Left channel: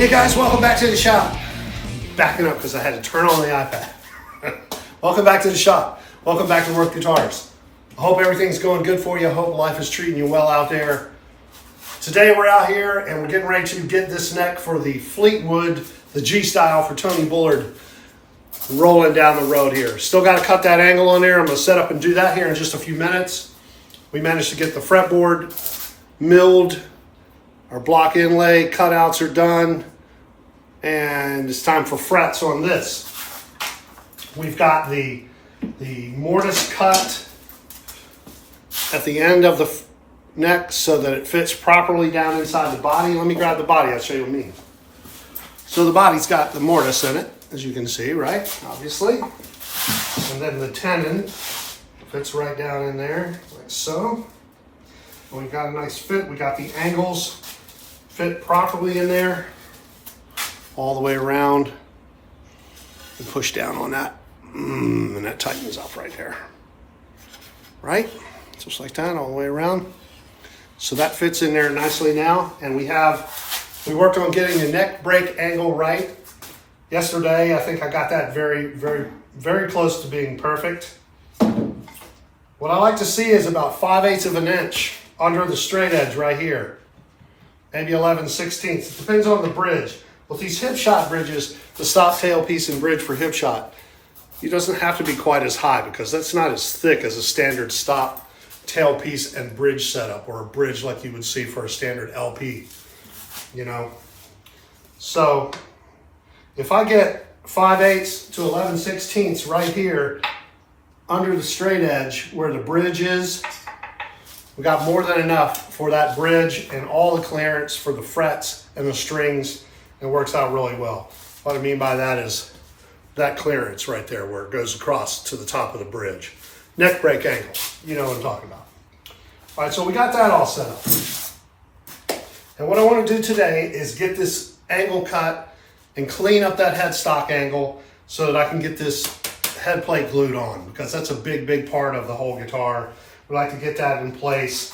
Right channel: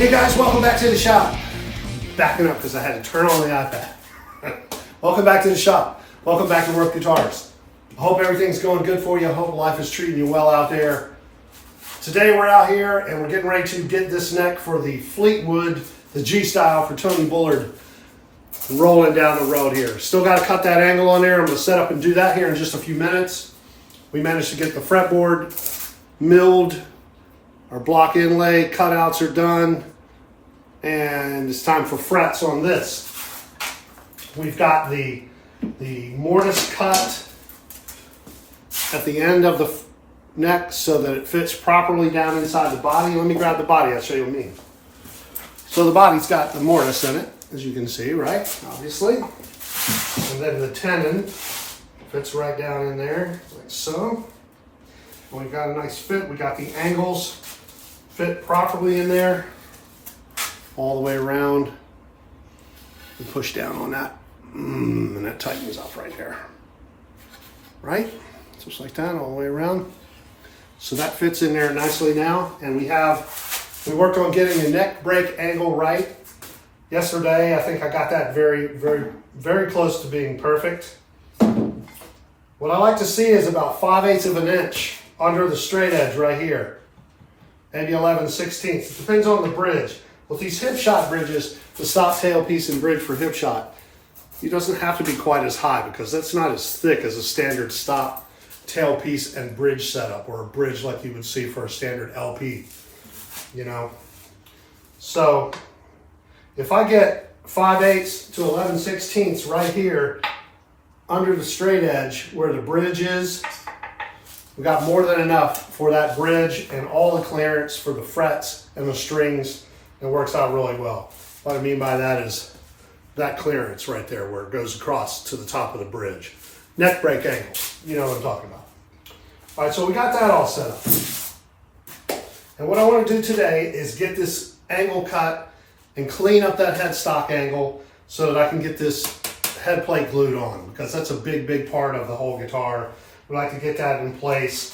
Hey guys, welcome back to the shop. Backing up because I had to turn on the iPad. Welcome back to the shop. Welcome back to Worth Guitars. I hope everything's going good for you. I hope life is treating you well out there. Today we're out here and we're getting ready to get this neck for the Fleetwood, the G style for Tony Bullard, rolling down the road here. Still got to cut that angle on there. I'm going to set up and do that here in just a few minutes. We managed to get the fretboard milled. Our block inlay cutouts are done, and it's time for frets on this. We've got the mortise cut at the end of the neck so that it fits properly down inside the body. Let me grab the body, I'll show you what I mean. So the body's got the mortise in it, as you can see, right? Obviously. And then the tenon fits right down in there, like so. And we've got a nice fit. We got the angles fit properly in there, all the way around, and push down on that, and that tightens up right there, right? Just like that, all the way around. So that fits in there nicely now, and we worked on getting the neck break angle right. Yesterday, I think I got that very, very, very close to being perfect. What I like to see is about 5/8 of an inch under the straight edge right here. Maybe 11/16. It depends on the bridge. With these hip shot bridges, the stop tailpiece and bridge for hip shot, it doesn't have to be quite as high because that's not as thick as a standard stop tailpiece and bridge setup, or a bridge like you would see for a standard LP, you know. So if I get 5/8 to 11/16 right here under the straight edge where the bridge is, we got more than enough for that bridge and all the clearance for the frets and the strings. It works out really well. What I mean by that is that clearance right there where it goes across to the top of the bridge. Neck break angle, you know what I'm talking about. All right, so we got that all set up. And what I want to do today is get this angle cut and clean up that headstock angle so that I can get this head plate glued on, because that's a big, big part of the whole guitar. We like to get that in place.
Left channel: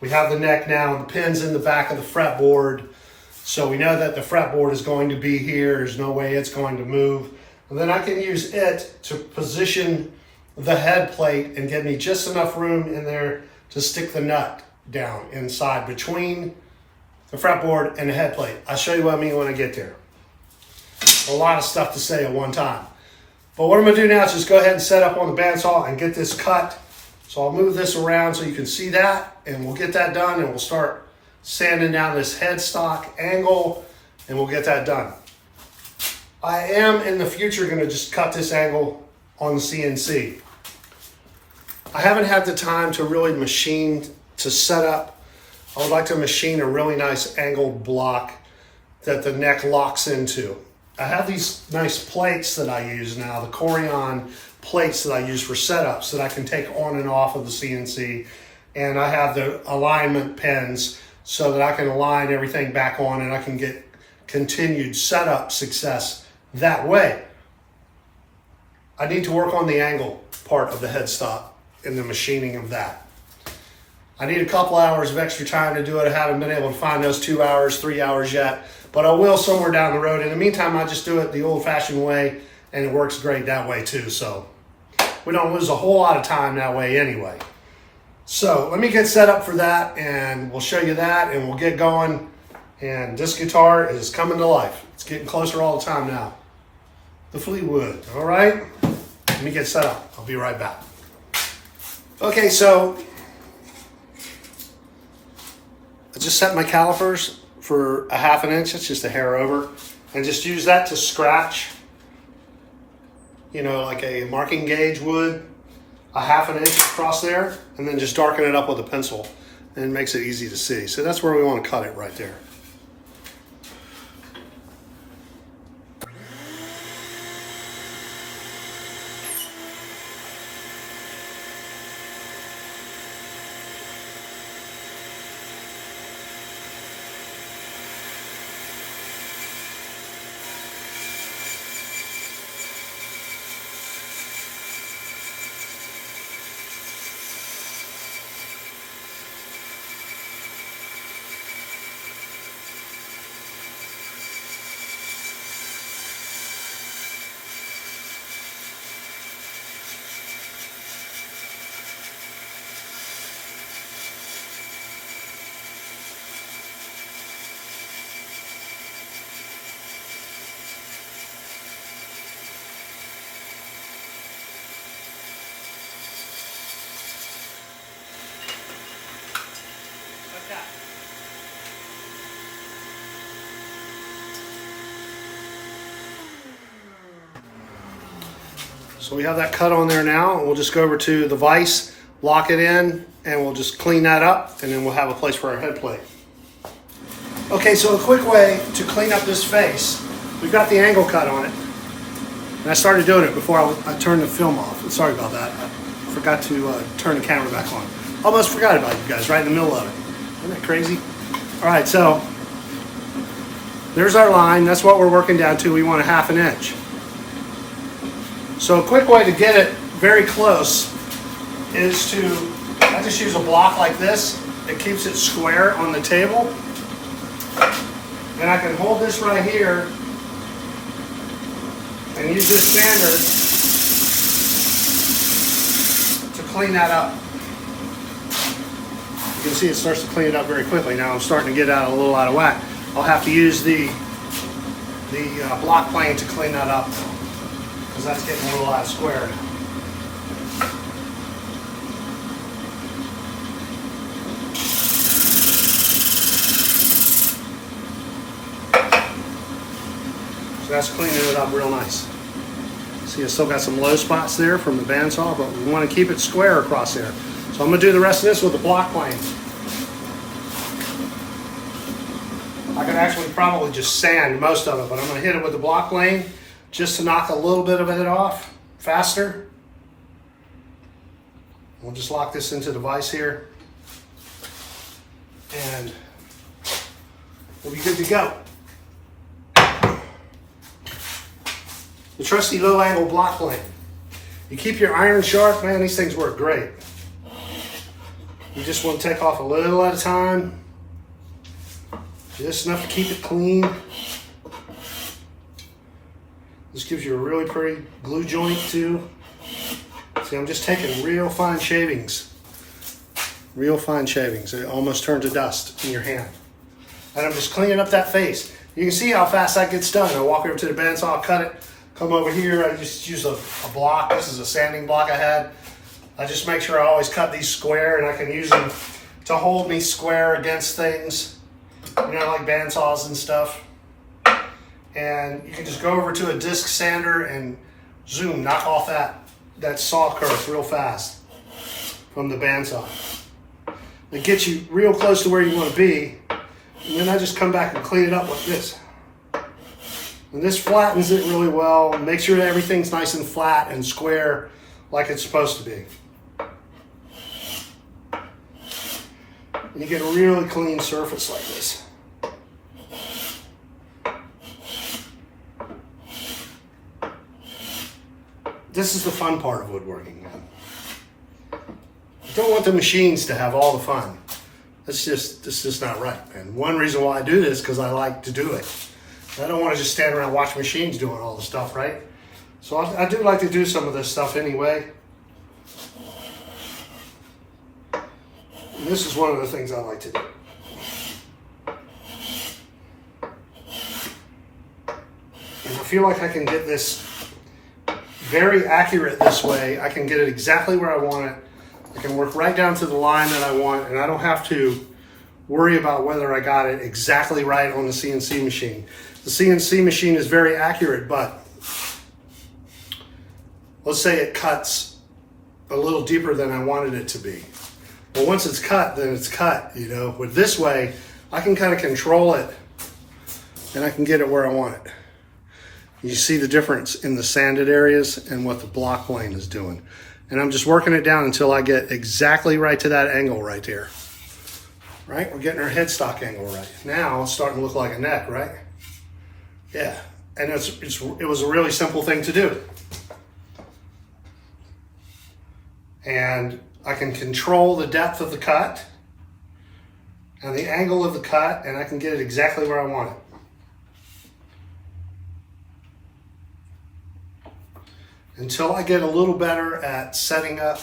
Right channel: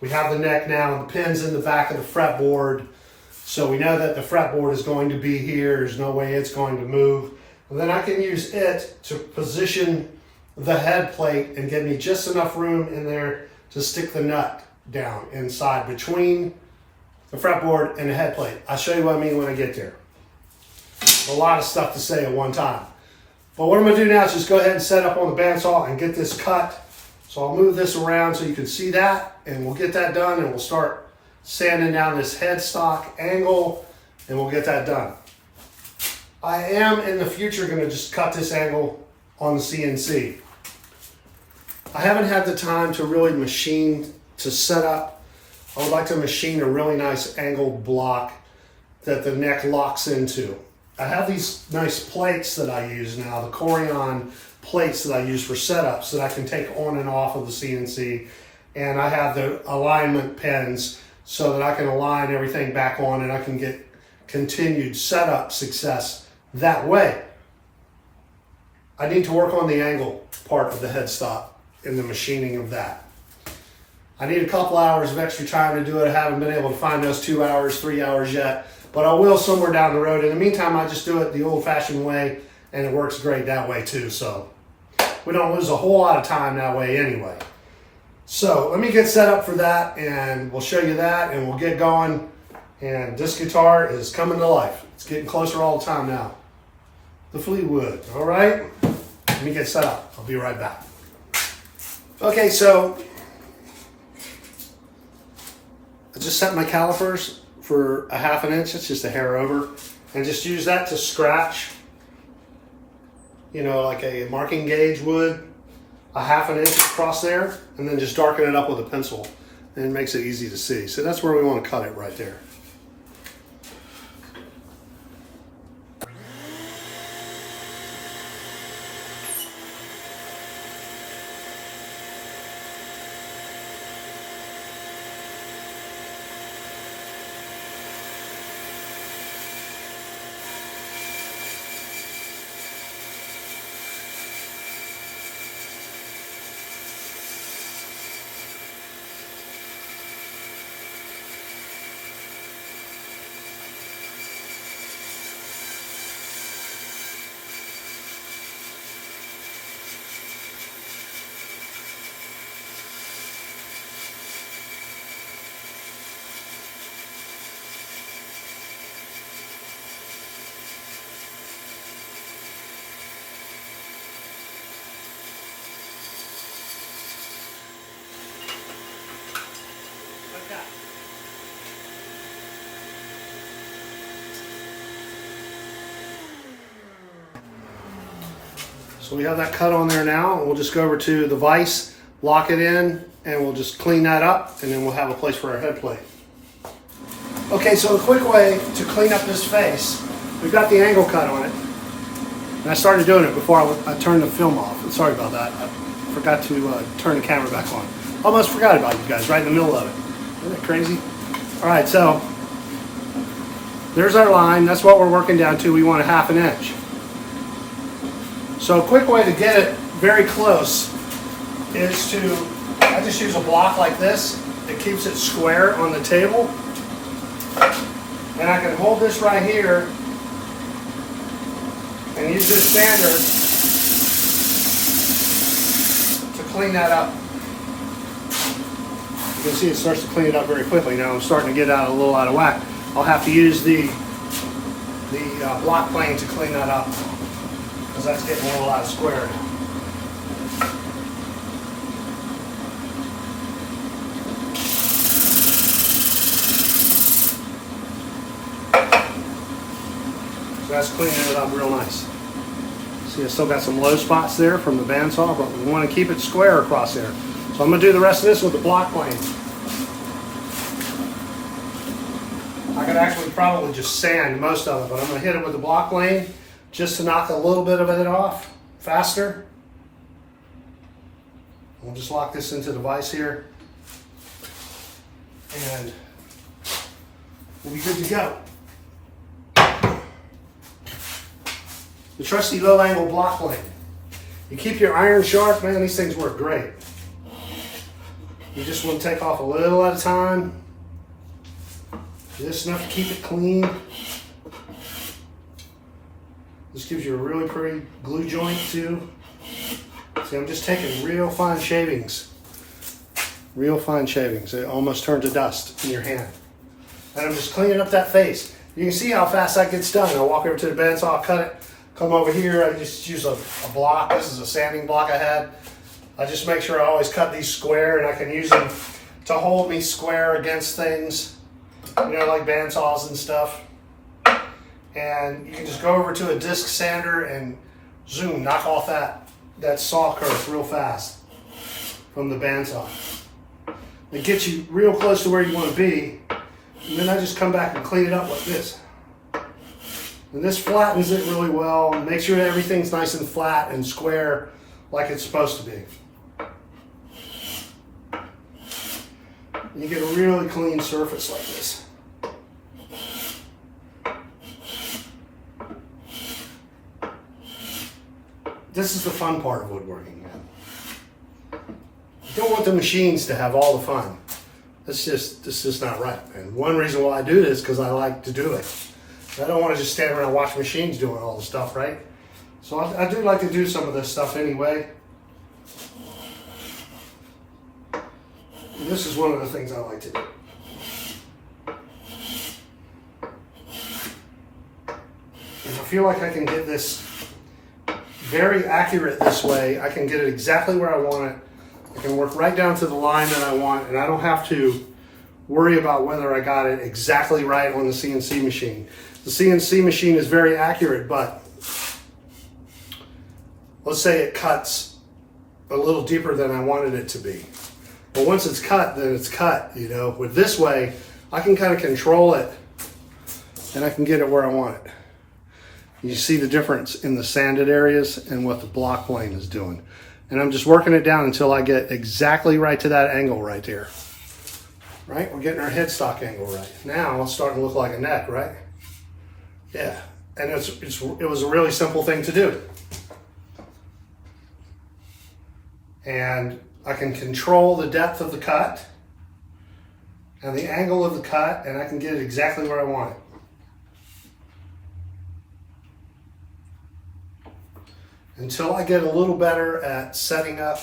We have the neck now and the pins in the back of the fretboard. So we know that the fretboard is going to be here. There's no way it's going to move. And then I can use it to position the head plate and give me just enough room in there to stick the nut down inside between the fretboard and the head plate. I'll show you what I mean when I get there. A lot of stuff to say at one time. But what I'm gonna do now is just go ahead and set up on the bandsaw and get this cut. So I'll move this around so you can see that, and we'll get that done, and we'll start sanding down this headstock angle, and we'll get that done. I am in the future gonna just cut this angle on the CNC. I haven't had the time to really machine to set up. I would like to machine a really nice angled block that the neck locks into. I have these nice plates that I use now, the Corian plates that I use for setups that I can take on and off of the CNC. And I have the alignment pins so that I can align everything back on and I can get continued setup success that way. I need to work on the angle part of the headstock and the machining of that. I need a couple hours of extra time to do it. I haven't been able to find those 2 hours, 3 hours yet, but I will somewhere down the road. In the meantime, I just do it the old-fashioned way, and it works great that way too. So we don't lose a whole lot of time that way anyway. So let me get set up for that, and we'll show you that, and we'll get going. And this guitar is coming to life. It's getting closer all the time now. The Fleetwood, all right? Let me get set up. I'll be right back. Okay, so I just set my calipers for a 1/2 inch. It's just a hair over. And just use that to scratch, you know, like a marking gauge would, a 1/2 inch across there, and then just darken it up with a pencil, and it makes it easy to see. So that's where we want to cut it, right there. So we have that cut on there now, and we'll just go over to the vise, lock it in, and we'll just clean that up, and then we'll have a place for our head plate. Okay, so a quick way to clean up this face, we've got the angle cut on it. And I started doing it before I turned the film off. Sorry about that. I forgot to turn the camera back on. Almost forgot about you guys right in the middle of it. Isn't that crazy? All right, so there's our line. That's what we're working down to. We want a 1/2 inch. So a quick way to get it very close is I just use a block like this. It keeps it square on the table. And I can hold this right here and use this sander to clean that up. You can see it starts to clean it up very quickly. Now I'm starting to get a little out of whack. I'll have to use the block plane to clean that up because that's getting a little out of square. So that's cleaning it up real nice. See, I still got some low spots there from the bandsaw, but we want to keep it square across there. So I'm going to do the rest of this with the block plane. I could actually probably just sand most of it, but I'm going to hit it with the block plane just to knock a little bit of it off faster. We'll just lock this into the vise here, and we'll be good to go. The trusty low angle block plane. You keep your iron sharp, man, these things work great. You just want to take off a little at a time. Just enough to keep it clean. This gives you a really pretty glue joint too. See, I'm just taking real fine shavings. Real fine shavings. They almost turn to dust in your hand. And I'm just cleaning up that face. You can see how fast that gets done. I walk over to the bandsaw, cut it. Come over here, I just use a block. This is a sanding block I had. I just make sure I always cut these square, and I can use them to hold me square against things, you know, like bandsaws and stuff. And you can just go over to a disc sander and zoom, knock off that saw curve real fast from the bandsaw. It gets you real close to where you want to be, and then I just come back and clean it up like this. And this flattens it really well and makes sure that everything's nice and flat and square like it's supposed to be. And you get a really clean surface like this. This is the fun part of woodworking, man. You don't want the machines to have all the fun. It's just not right. And one reason why I do this is because I like to do it. I don't want to just stand around and watch machines doing all the stuff, right? So I do like to do some of this stuff anyway. And this is one of the things I like to do. And I feel like I can get this very accurate this way. I can get it exactly where I want it. I can work right down to the line that I want, and I don't have to worry about whether I got it exactly right on the CNC machine. The CNC machine is very accurate, but let's say it cuts a little deeper than I wanted it to be. Well, once it's cut, then it's cut, you know. With this way, I can kind of control it, and I can get it where I want it. You see the difference in the sanded areas and what the block plane is doing. And I'm just working it down until I get exactly right to that angle right there. Right? We're getting our headstock angle right. Now it's starting to look like a neck, right? Yeah. And it was a really simple thing to do. And I can control the depth of the cut and the angle of the cut, and I can get it exactly where I want it. Until I get a little better at setting up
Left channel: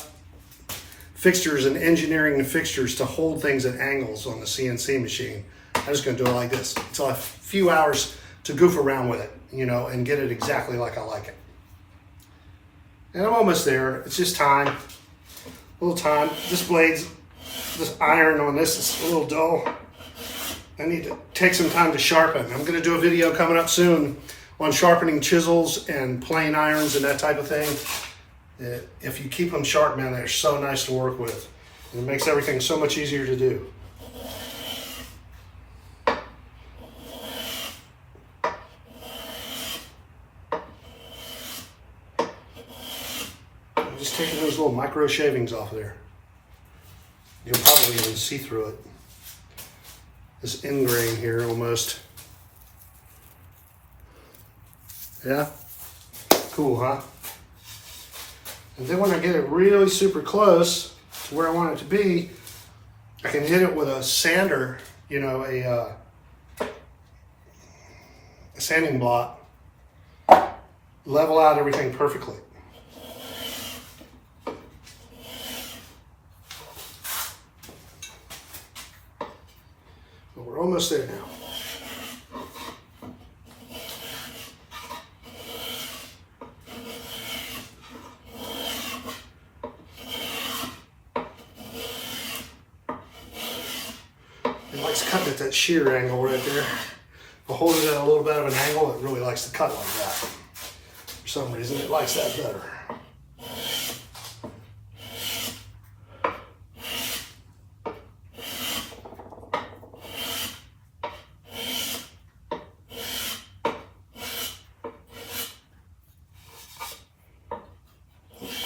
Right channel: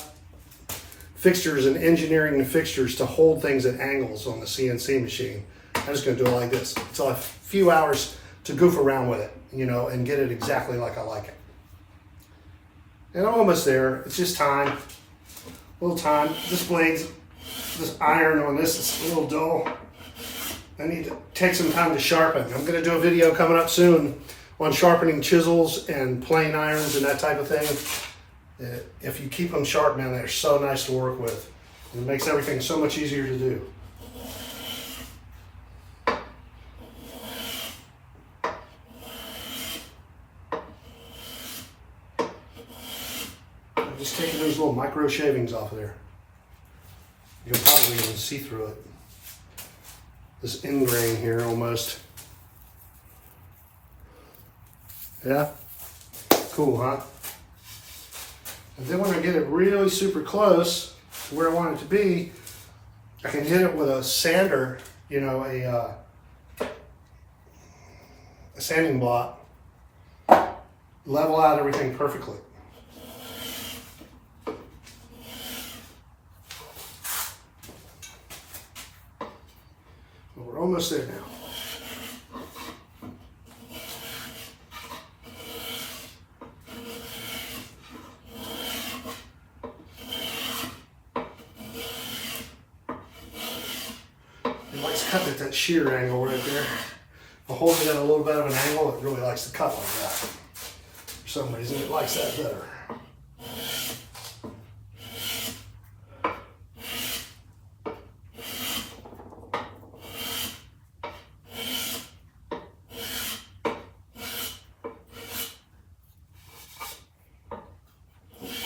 fixtures and engineering the fixtures to hold things at angles on the CNC machine, I'm just going to do it like this until I have a few hours to goof around with it, you know, and get it exactly like I like it. And I'm almost there. It's just time, a little time. This iron on this is a little dull. I need to take some time to sharpen. I'm going to do a video coming up soon on sharpening chisels and plane irons and that type of thing. If you keep them sharp, man, they're so nice to work with. And it makes everything so much easier to do. I'm just taking those little micro shavings off of there. You'll probably even see through it. This end grain here almost. Yeah? Cool, huh? And then when I get it really super close to where I want it to be, I can hit it with a sander, you know, a sanding block, level out everything perfectly. Well, we're almost there now. It likes cutting at that shear angle right there. If I hold it at a little bit of an angle, it really likes to cut like that. For some reason, it likes that better.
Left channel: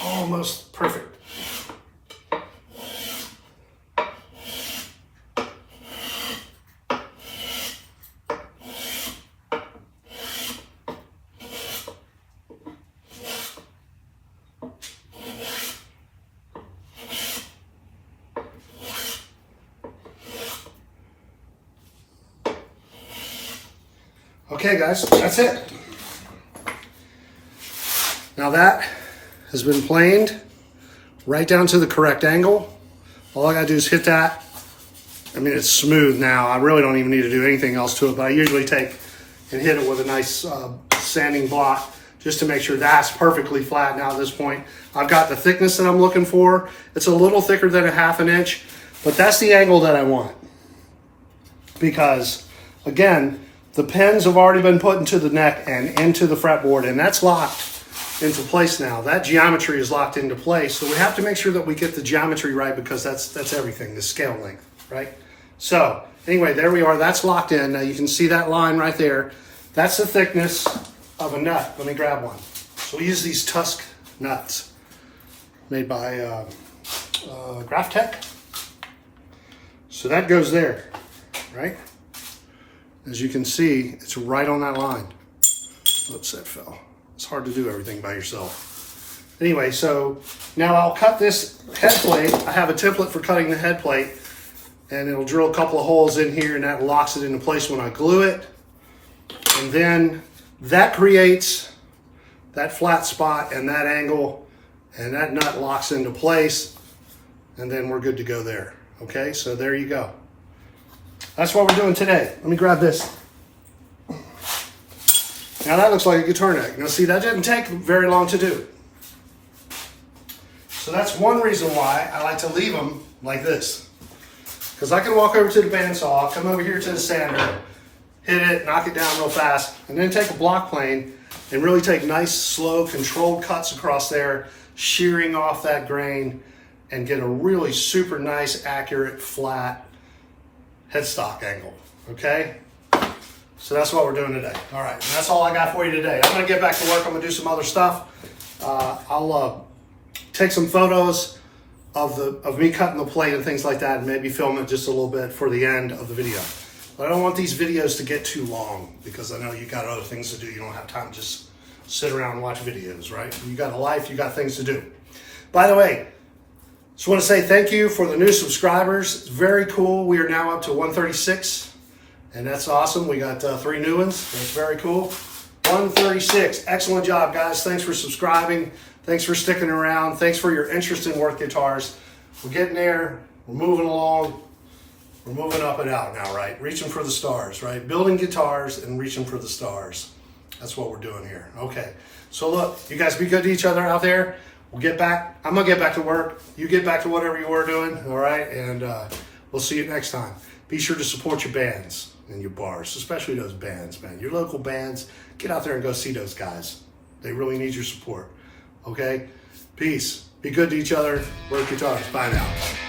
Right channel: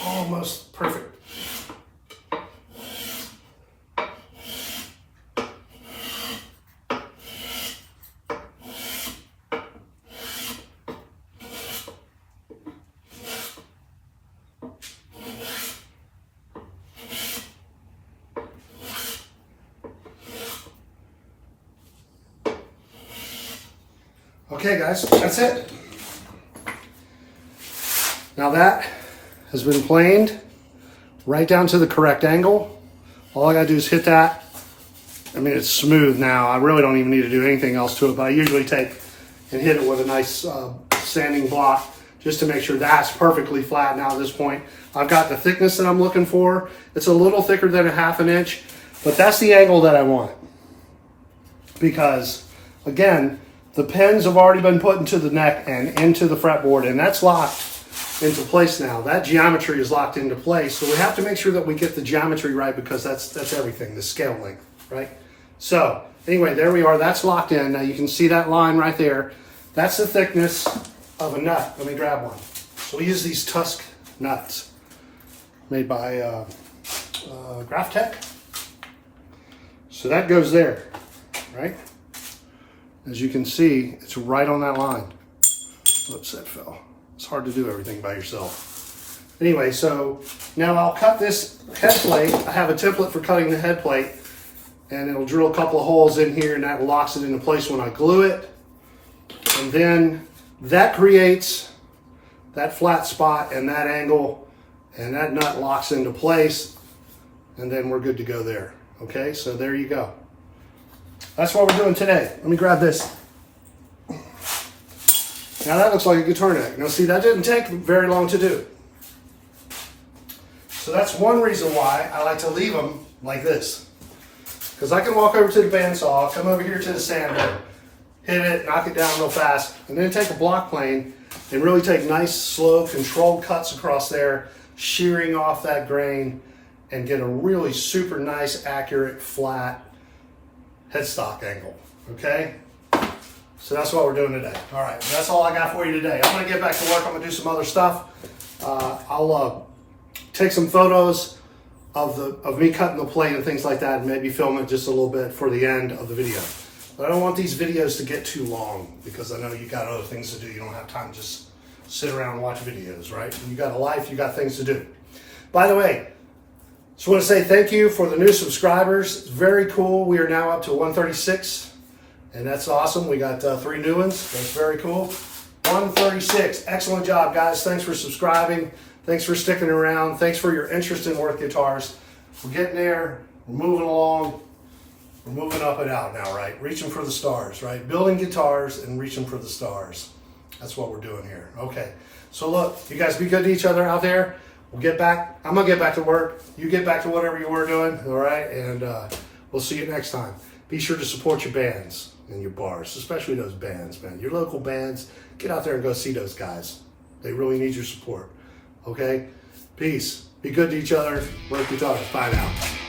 Almost perfect. Okay guys, that's it. Now that has been planed right down to the correct angle. All I gotta do is hit that. I mean, it's smooth now. I really don't even need to do anything else to it, but I usually take and hit it with a nice sanding block just to make sure that's perfectly flat now at this point. I've got the thickness that I'm looking for. It's a little thicker than a 1/2 inch, but that's the angle that I want. Because again, the pins have already been put into the neck and into the fretboard, and that's locked into place now. That geometry is locked into place, so we have to make sure that we get the geometry right, because that's everything, the scale length, right? So anyway, there we are. That's locked in. Now you can see that line right there. That's the thickness of a nut. Let me grab one. So we use these Tusk nuts made by Graphtec. So that goes there, right? As you can see, it's right on that line. Whoops, that fell. It's hard to do everything by yourself. Anyway, so now I'll cut this head plate. I have a template for cutting the head plate, and it'll drill a couple of holes in here, and that locks it into place when I glue it. And then that creates that flat spot and that angle, and that nut locks into place, and then we're good to go there. Okay, so there you go. That's what we're doing today. Let me grab this. Now that looks like a guitar neck. Now see, that didn't take very long to do. So that's one reason why I like to leave them like this. Because I can walk over to the bandsaw, come over here to the sander, hit it, knock it down real fast, and then take a block plane and really take nice, slow, controlled cuts across there, shearing off that grain, and get a really super nice, accurate, flat headstock angle, okay? So that's what we're doing today. All right, that's all I got for you today. I'm gonna get back to work. I'm gonna do some other stuff. I'll take some photos of me cutting the plate and things like that, and maybe film it just a little bit for the end of the video. But I don't want these videos to get too long, because I know you got other things to do. You don't have time to just sit around and watch videos, right? You got a life, you got things to do. By the way, just want to say thank you for the new subscribers. It's very cool. We are now up to 136, and that's awesome. We got 3 new ones. That's very cool. 136. Excellent job, guys. Thanks for subscribing. Thanks for sticking around. Thanks for your interest in Work Guitars. We're getting there. We're moving along. We're moving up and out now, right? Reaching for the stars, right? Building guitars and reaching for the stars. That's what we're doing here. Okay. So look, you guys be good to each other out there. We'll get back. I'm going to get back to work. You get back to whatever you were doing, all right? And we'll see you next time. Be sure to support your bands and your bars, especially those bands, man. Your local bands, get out there and go see those guys. They really need your support, okay? Peace. Be good to each other. Work guitars. Bye now.